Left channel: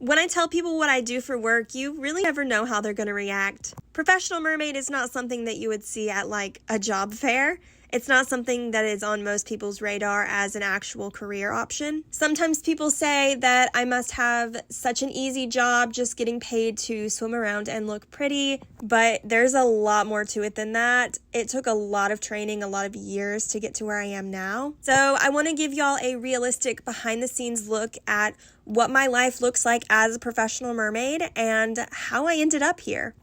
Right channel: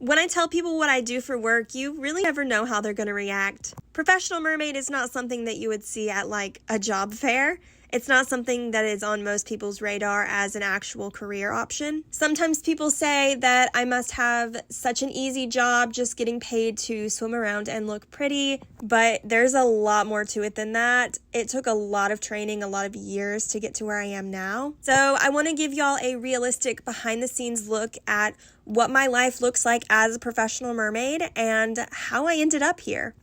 When I tell people what I do for work, you really never know how they're going to react. Professional mermaid is not something that you would see at like a job fair. It's not something that is on most people's radar as an actual career option. Sometimes people say that I must have such an easy job just getting paid to swim around and look pretty, but there's a lot more to it than that. It took a lot of training, a lot of years to get to where I am now. So I want to give y'all a realistic behind the scenes look at what my life looks like as a professional mermaid and how I ended up here.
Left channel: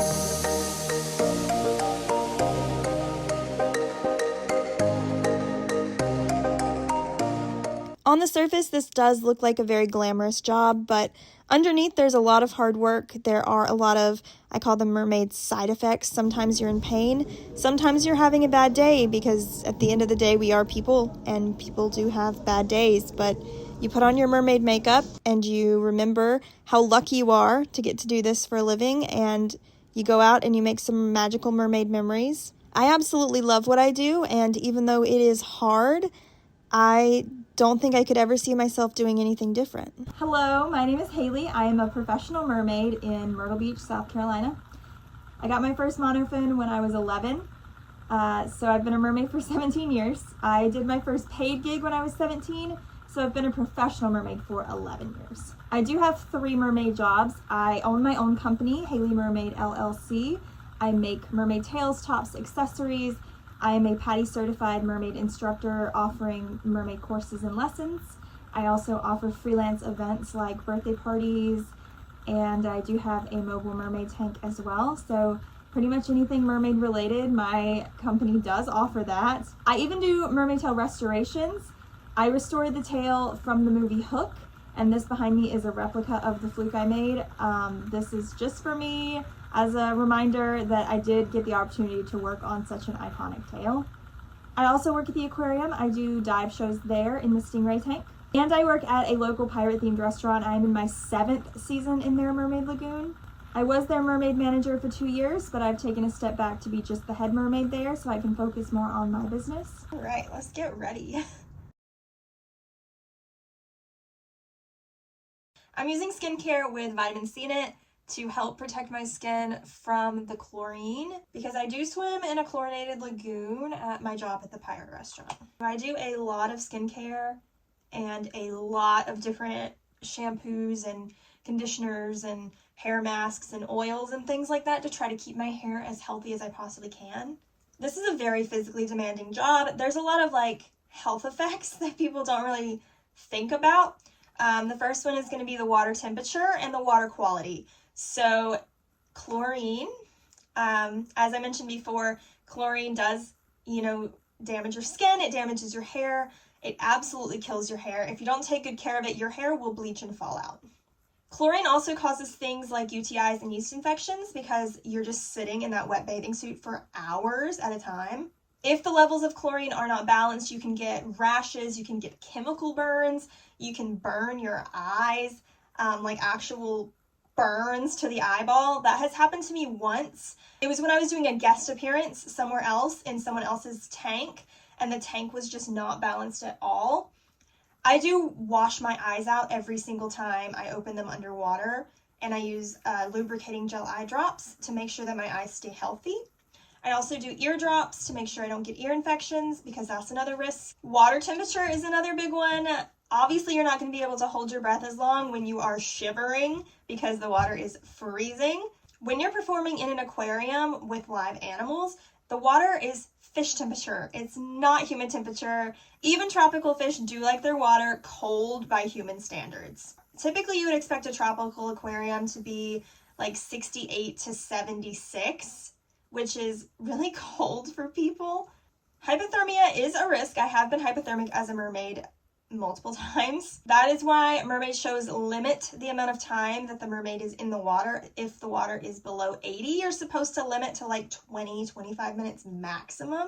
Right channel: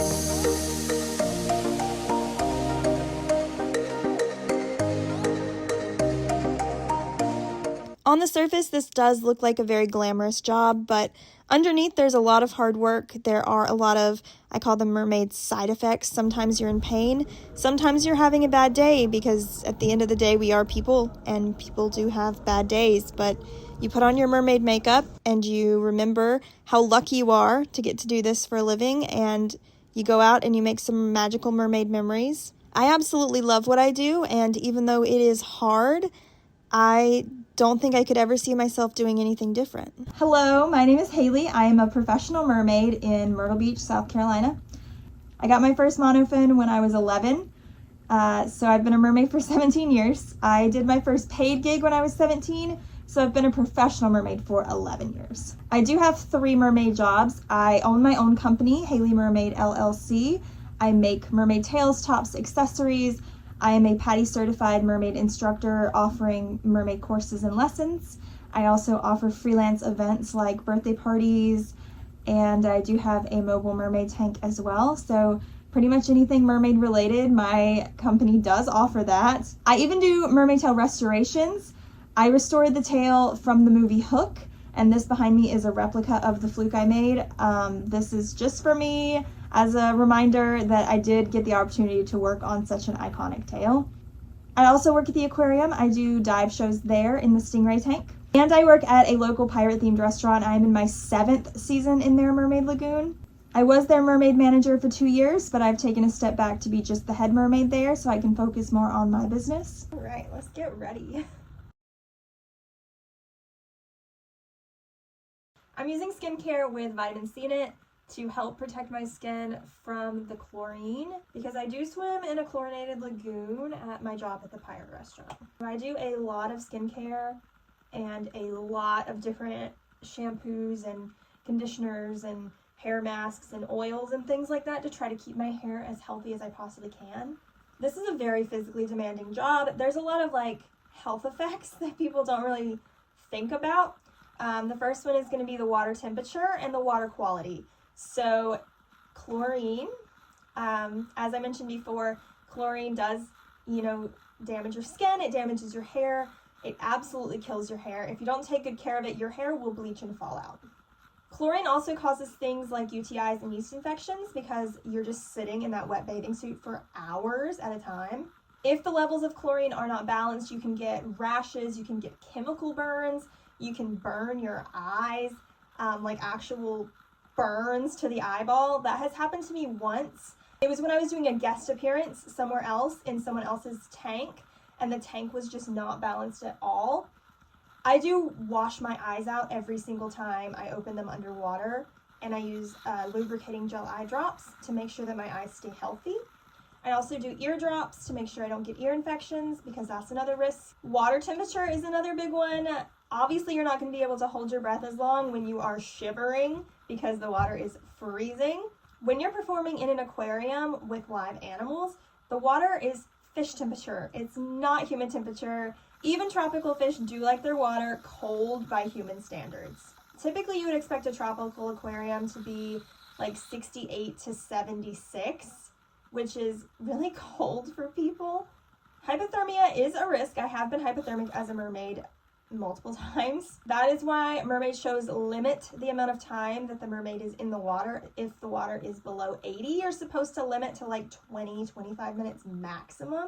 On the surface, this does look like a very glamorous job, but underneath there's a lot of hard work. There are a lot of, I call them mermaid side effects. Sometimes you're in pain. Sometimes you're having a bad day, because at the end of the day, we are people, and people do have bad days. But you put on your mermaid makeup and you remember how lucky you are to get to do this for a living, and you go out and you make some magical mermaid memories. I absolutely love what I do, and even though it is hard, I don't think I could ever see myself doing anything different. Hello, my name is Haley. I am a professional mermaid in Myrtle Beach, South Carolina. I got my first monofin when I was 11, so I've been a mermaid for 17 years. I did my first paid gig when I was 17, so I've been a professional mermaid for 11 years. I do have 3 mermaid jobs. I own my own company, Mermaid LLC. I make mermaid tails, tops, accessories. I am a PADI certified mermaid instructor offering mermaid courses and lessons. I also offer freelance events like birthday parties, and I do have a mobile mermaid tank as well. So pretty much anything mermaid related, my company does offer that. I even do mermaid tail restorations. I restored the tail from the movie Hook, and this behind me is a replica of the fluke I made. This is just for me, as a reminder that I did get the opportunity to work on such an iconic tail. I also work at the Aquarium. I do dive shows there in the Stingray tank. And I work at a local pirate-themed restaurant. I'm in my 7th season in their Mermaid Lagoon. I was their mermaid manager for 2 years, but I've taken a step back to be just the head mermaid there so I can focus more on my business. All right, let's get ready. I'm using skincare with vitamin C in it to help protect my skin from the chlorine, because I do swim in a chlorinated lagoon at my job at the pirate restaurant. I do a lot of skincare and a lot of different shampoos and conditioners and hair masks and oils and things like that to try to keep my hair as healthy as I possibly can. This is a very physically demanding job. There's a lot of like health effects that people don't really think about. The first one is going to be the water temperature and the water quality. So chlorine, as I mentioned before, chlorine does, damage your skin. It damages your hair. It absolutely kills your hair. If you don't take good care of it, your hair will bleach and fall out. Chlorine also causes things like UTIs and yeast infections because you're just sitting in that wet bathing suit for hours at a time. If the levels of chlorine are not balanced, you can get rashes, you can get chemical burns, you can burn your eyes, like actual burns to the eyeball. That has happened to me once. It was when I was doing a guest appearance somewhere else in someone else's tank, and the tank was just not balanced at all. I do wash my eyes out every single time I open them underwater, and I use lubricating gel eye drops to make sure that my eyes stay healthy. I also do ear drops to make sure I don't get ear infections, because that's another risk. Water temperature is another big one. Obviously, you're not going to be able to hold your breath as long when you are shivering because the water is freezing. When you're performing in an aquarium with live animals, the water is fish temperature. It's not human temperature. Even tropical fish do like their water cold by human standards. Typically, you would expect a tropical aquarium to be like 68 to 76, which is really cold for people. Hypothermia is a risk. I have been hypothermic as a mermaid multiple times. That is why mermaid shows limit the amount of time that the mermaid is in the water. If the water is below 80, you're supposed to limit to like 20-25 minutes maximum.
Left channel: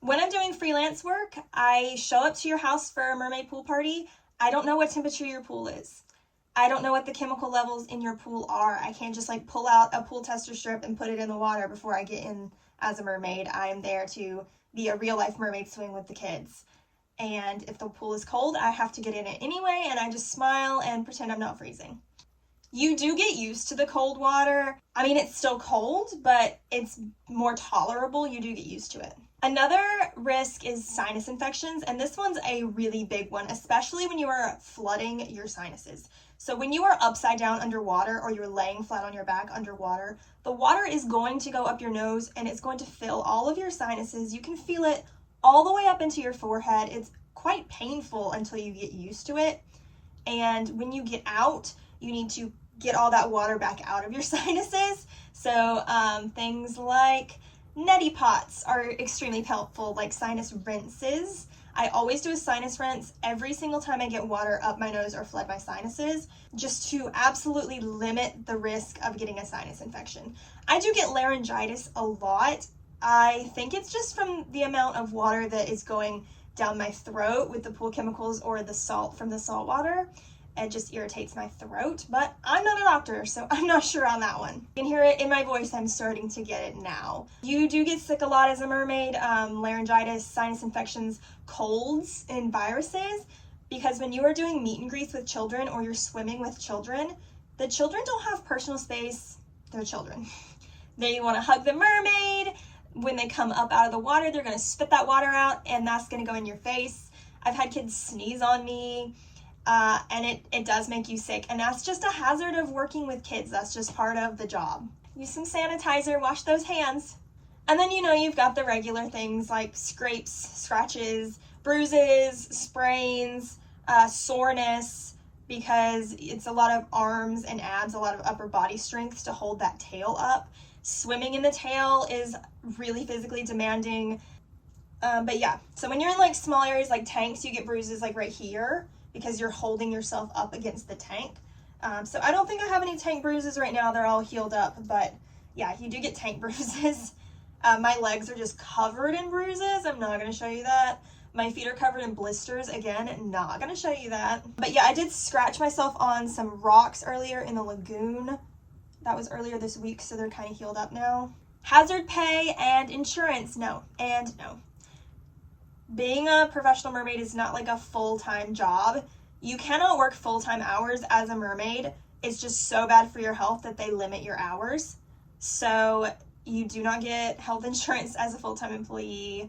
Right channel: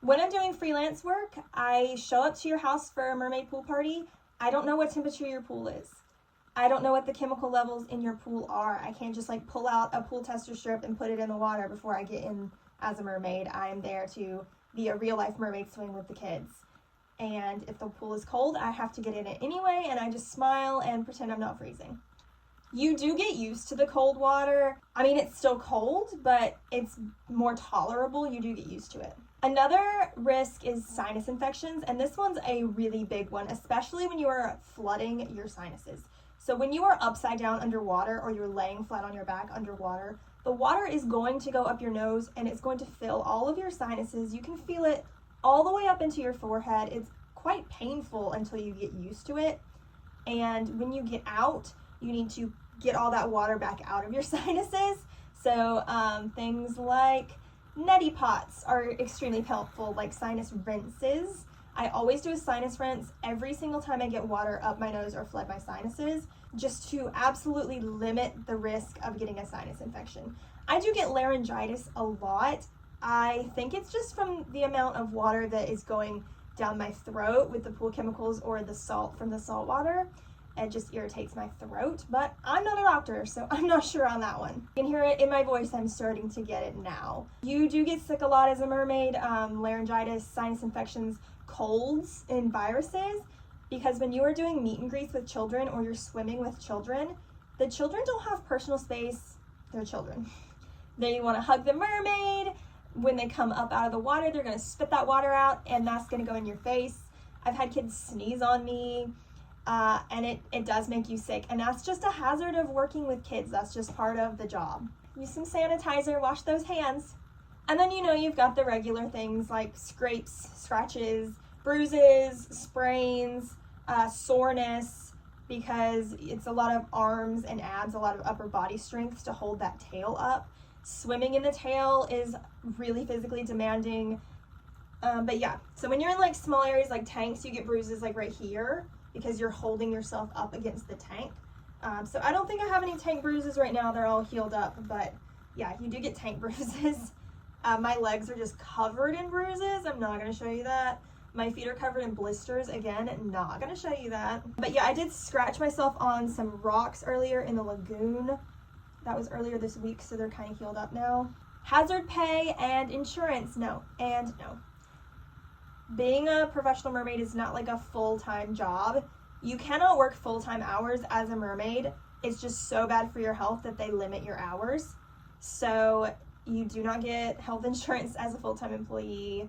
When I'm doing freelance work, I show up to your house for a mermaid pool party. I don't know what temperature your pool is. I don't know what the chemical levels in your pool are. I can't just like pull out a pool tester strip and put it in the water before I get in as a mermaid. I am there to be a real life mermaid swing with the kids. And if the pool is cold, I have to get in it anyway, and I just smile and pretend I'm not freezing. You do get used to the cold water. I mean, it's still cold, but it's more tolerable. You do get used to it. Another risk is sinus infections, and this one's a really big one, especially when you are flooding your sinuses. So when you are upside down underwater or you're laying flat on your back underwater, the water is going to go up your nose and it's going to fill all of your sinuses. You can feel it all the way up into your forehead. It's quite painful until you get used to it. And when you get out, you need to get all that water back out of your sinuses. So things like neti pots are extremely helpful, like sinus rinses. I always do a sinus rinse every single time I get water up my nose or flood my sinuses, just to absolutely limit the risk of getting a sinus infection. I do get laryngitis a lot. I think it's just from the amount of water that is going down my throat with the pool chemicals or the salt from the salt water. It just irritates my throat, but I'm not a doctor, so I'm not sure on that one. You can hear it in my voice, I'm starting to get it now. You do get sick a lot as a mermaid, laryngitis, sinus infections, colds, and viruses, because when you are doing meet and greets with children or you're swimming with children, the children don't have personal space. They're children. They want to hug the mermaid. When they come up out of the water, they're going to spit that water out, and that's going to go in your face. I've had kids sneeze on me. And it does make you sick, and that's just a hazard of working with kids. That's just part of the job. Use some sanitizer, wash those hands. And then, you've got the regular things like scrapes, scratches, bruises, sprains, soreness, because it's a lot of arms and abs, a lot of upper body strength to hold that tail up. Swimming in the tail is really physically demanding. But yeah, so when you're in like small areas like tanks, you get bruises like right here, because you're holding yourself up against the tank. So I don't think I have any tank bruises right now. They're all healed up, but yeah, you do get tank bruises. My legs are just covered in bruises. I'm not going to show you that. My feet are covered in blisters. Again, not going to show you that. But yeah, I did scratch myself on some rocks earlier in the lagoon. That was earlier this week, so they're kind of healed up now. Hazard pay and insurance, no and no. Being a professional mermaid is not like a full-time job. You cannot work full-time hours as a mermaid. It's just so bad for your health that they limit your hours. So you do not get health insurance as a full-time employee.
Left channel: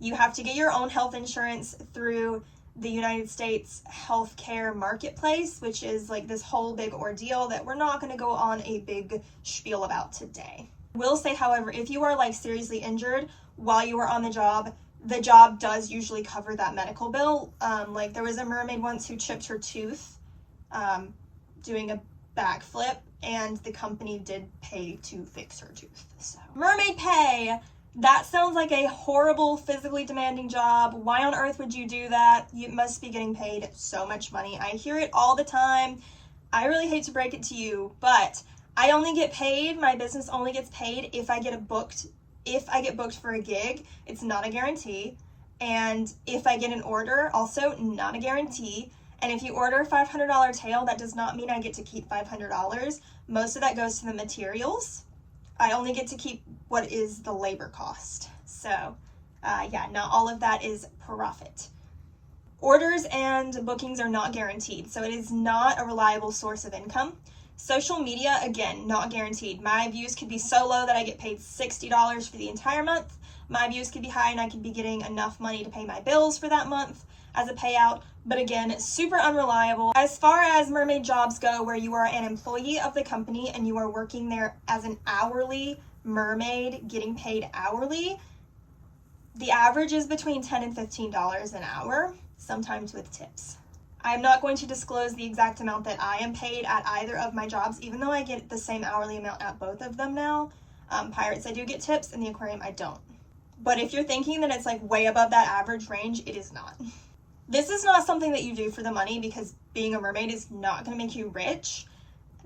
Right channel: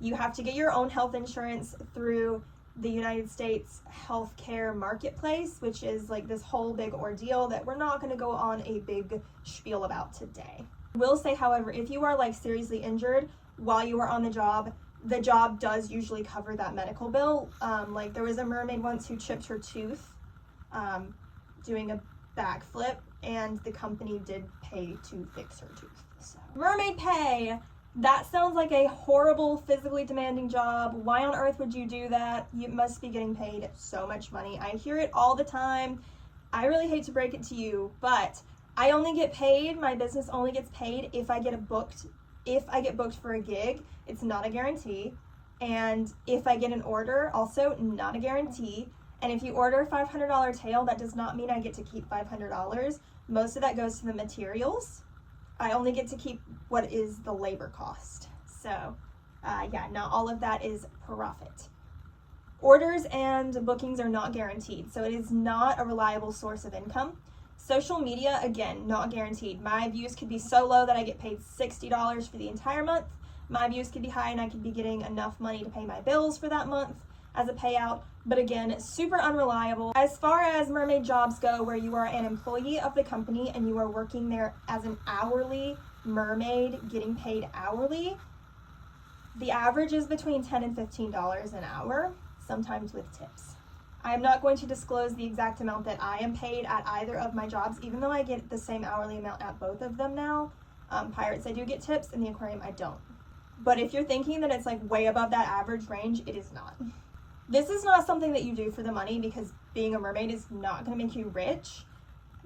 You have to get your own health insurance through the United States healthcare marketplace, which is like this whole big ordeal that we're not going to go on a big spiel about today. Will say, however, if you are like seriously injured while you are on the job does usually cover that medical bill. Like there was a mermaid once who chipped her tooth doing a backflip, and the company did pay to fix her tooth. So mermaid pay, that sounds like a horrible, physically demanding job. Why on earth would you do that? You must be getting paid so much money. I hear it all the time. I really hate to break it to you, but I only get paid, my business only gets paid if I get booked for a gig. It's not a guarantee. And if I get an order, also not a guarantee. And if you order a $500 tail, that does not mean I get to keep $500. Most of that goes to the materials. I only get to keep what is the labor cost. So yeah, not all of that is profit. Orders and bookings are not guaranteed, so it is not a reliable source of income. Social media, again, not guaranteed. My views could be so low that I get paid $60 for the entire month. My views could be high and I could be getting enough money to pay my bills for that month as a payout. But again, super unreliable. As far as mermaid jobs go, where you are an employee of the company and you are working there as an hourly mermaid, getting paid hourly, the average is between $10 and $15 an hour, sometimes with tips. I am not going to disclose the exact amount that I am paid at either of my jobs, even though I get the same hourly amount at both of them now. Pirates, I do get tips, and the aquarium, I don't. But if you're thinking that it's like way above that average range, it is not. This is not something that you do for the money, because being a mermaid is not going to make you rich.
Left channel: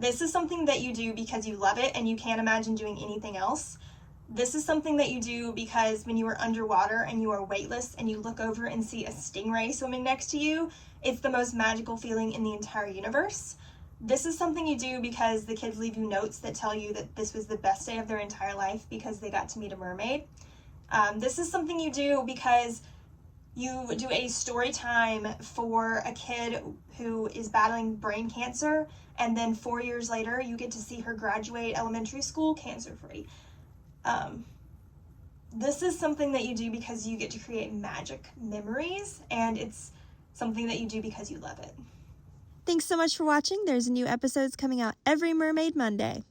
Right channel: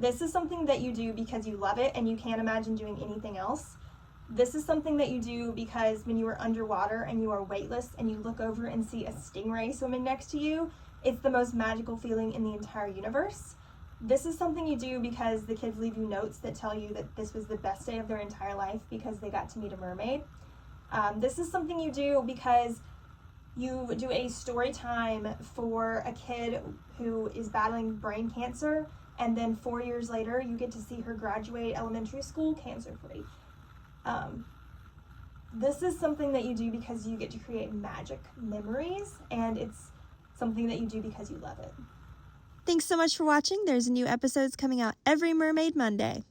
This is something that you do because you love it and you can't imagine doing anything else. This is something that you do because when you are underwater and you are weightless and you look over and see a stingray swimming next to you, it's the most magical feeling in the entire universe. This is something you do because the kids leave you notes that tell you that this was the best day of their entire life because they got to meet a mermaid. This is something you do because you do a story time for a kid who is battling brain cancer, and then 4 years later you get to see her graduate elementary school cancer-free. This is something that you do because you get to create magic memories, and it's something that you do because you love it. Thanks so much for watching. There's new episodes coming out every Mermaid Monday.